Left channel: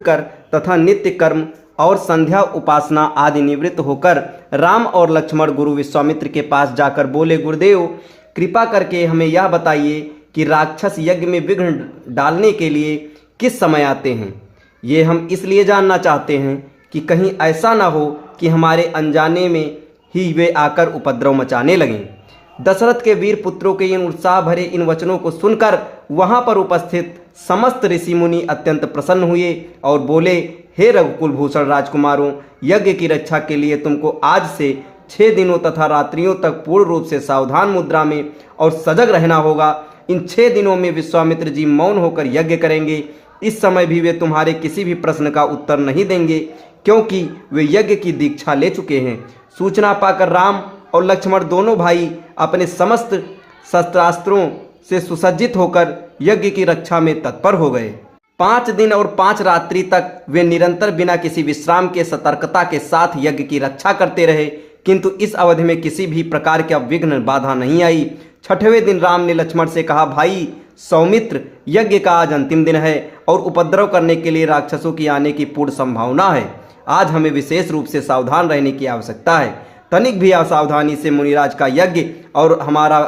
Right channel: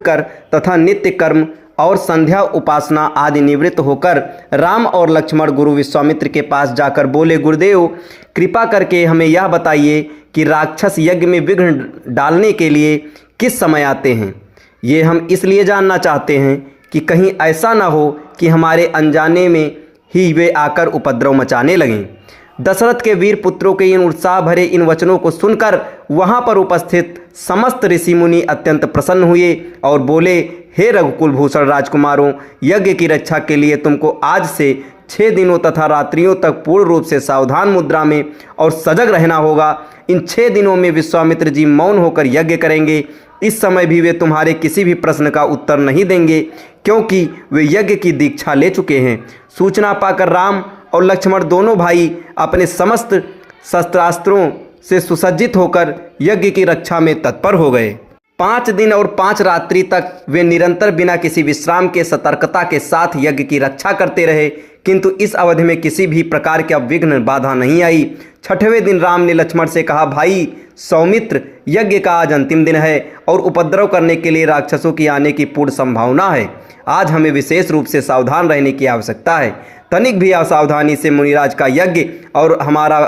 कर तथा नित्य कर्म और संध्या उपासना आदि निवृत्त होकर राम और लक्ष्मण गुरु विश्वामित्र के पास जाकर बोले, गुरुदेव कृपा करके हमें यह बताइए कि राक्षस यज्ञ में विघ्न डालने के लिए किस समय आते हैं। ये हम इसलिए जानना चाहते हैं कि कहीं ऐसा ना हो कि हमारे अनजाने में ही वे आकर उपद्रव मचाने लगें। दशरथ के वीर पुत्रों के इन उत्साह भरे इन वचनों को सुनकर वहां पर उपस्थित समस्त ऋषि मुनि अत्यंत प्रसन्न हुए और बोले, हे रघुकुल भूषण राजकुमारों, यज्ञ की रक्षा के लिए तुमको आज से 6 दिनों तथा रात्रियों तक पूर्ण रूप से सावधान मुद्रा में और सजग रहना होगा। इन 6 दिनों में विश्वामित्र जी मौन होकर यज्ञ करेंगे। इस समय भी वे तुम्हारे किसी भी प्रश्न का उत्तर नहीं देंगे, क्योंकि वे यज्ञ की दीक्षा ले चुके हैं। सूचना पाकर राम और लक्ष्मण दोनों भाई अपने समस्त शस्त्रास्त्रों से सुसज्जित होकर यज्ञ की रक्षा में तत्पर हो गए। 5 दिन और 5 रात्रि तक वे निरंतर बिना किसी विश्राम के सतर्कता के साथ यज्ञ की रक्षा करते रहे, किंतु इस अवधि में किसी भी प्रकार का विघ्न बाधा नहीं आई। 6वें दिन राम ने लक्ष्मण से कहा, भाई सौमित्र, यज्ञ का आज अंतिम दिन है और उपद्रव करने के लिए राक्षसों की आने की पूर्ण संभावना है। आज हमें विशेष रूप से सावधान रहने की आवश्यकता है। तनिक भी असावधानी से मुनिराज का यज्ञ और हमारा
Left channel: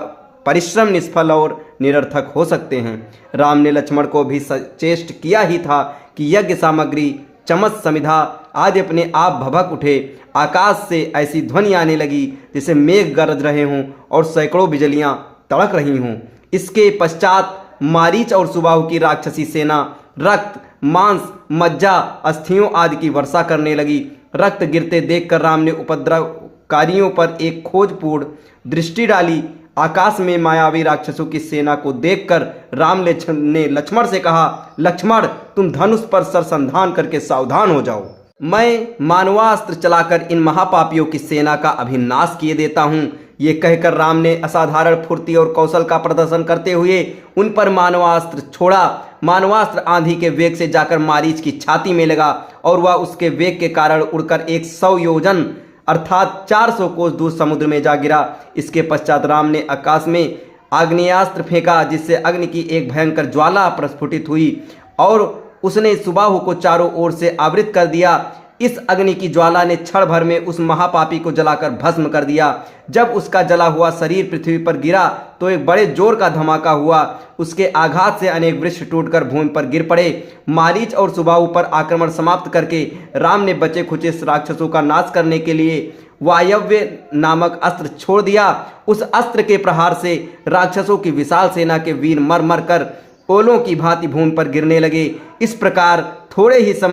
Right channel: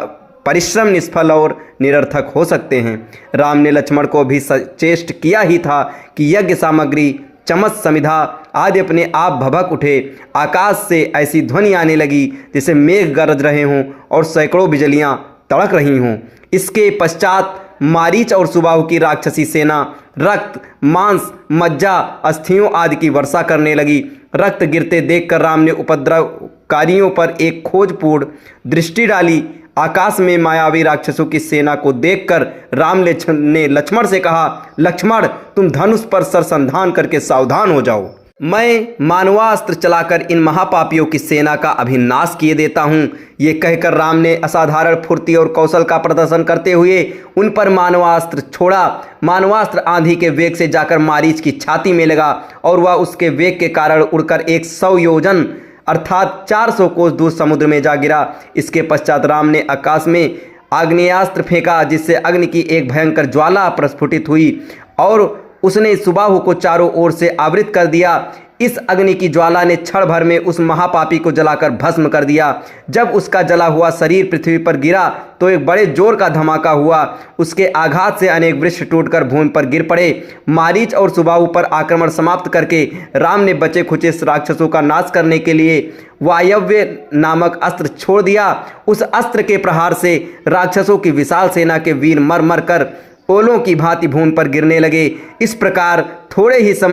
परिश्रम निष्फल और निरर्थक हो सकते हैं। राम ने लक्ष्मण को भी सचेष्ट किया ही था कि यज्ञ सामग्री, चमच, समिधा आदि अपने आप भभक उठे। आकाश से ऐसी ध्वनि आने लगी जैसे मेघ गरज रहे हों और सैकड़ों बिजलियां तड़क रही हों। इसके पश्चात मारीच और सुबाहु की राक्षसी सेना रक्त, मांस, मज्जा, अस्थियों आदि की वर्षा करने लगी। रक्त गिरते देखकर राम ने उपद्रवकारियों पर एक खोजपूर्ण दृष्टि डाली। आकाश में मायावी राक्षसों की सेना को देखकर राम ने लक्ष्मण से कहा, लक्ष्मण तुम धनुष पर सरसंधान करके सावधान हो जाओ। मैं मानवास्त्र चलाकर इन महापापियों की सेना का अभिनाश किए देता हूँ। ये कहकर राम ने असाधारण फुर्ती और कौशल का प्रदर्शन करते हुए उन पर मानवास्त्र छोड़ा। मानवास्त्र आंधी के वेग से जाकर मारीच की छाती में लगा और वह उसके वेग के कारण उड़कर 100 योजन अर्थात 400 कोस दूर समुद्र में जा गिरा। इसके पश्चात राम ने आकाश में आग्नेयास्त्र फेंका, जिससे अग्नि की एक भयंकर ज्वाला प्रस्फुटित हुई और उसने सुबाहु को चारों ओर से आवृत कर दिया। इस अग्नि की ज्वाला ने क्षण भर में उस महापापी को जलाकर भस्म कर दिया। जब उसका जला हुआ शरीर पृथ्वी पर गिरा तो एक बड़े जोर का धमाका हुआ। उसके आघात से अनेक वृक्ष टूटकर भूमि पर गिर पड़े। मारीच और सुबाहु पर आक्रमण समाप्त करके राम ने बचे खुचे राक्षसों का नाश करने के लिए वायव्य नामक अस्त्र छोड़ दिया। उस अस्त्र के प्रहार से राक्षसों की विशाल सेना के वीर मर मर कर ओलों की भांति भूमि पर गिरने लगे। इस प्रकार थोड़े ही समय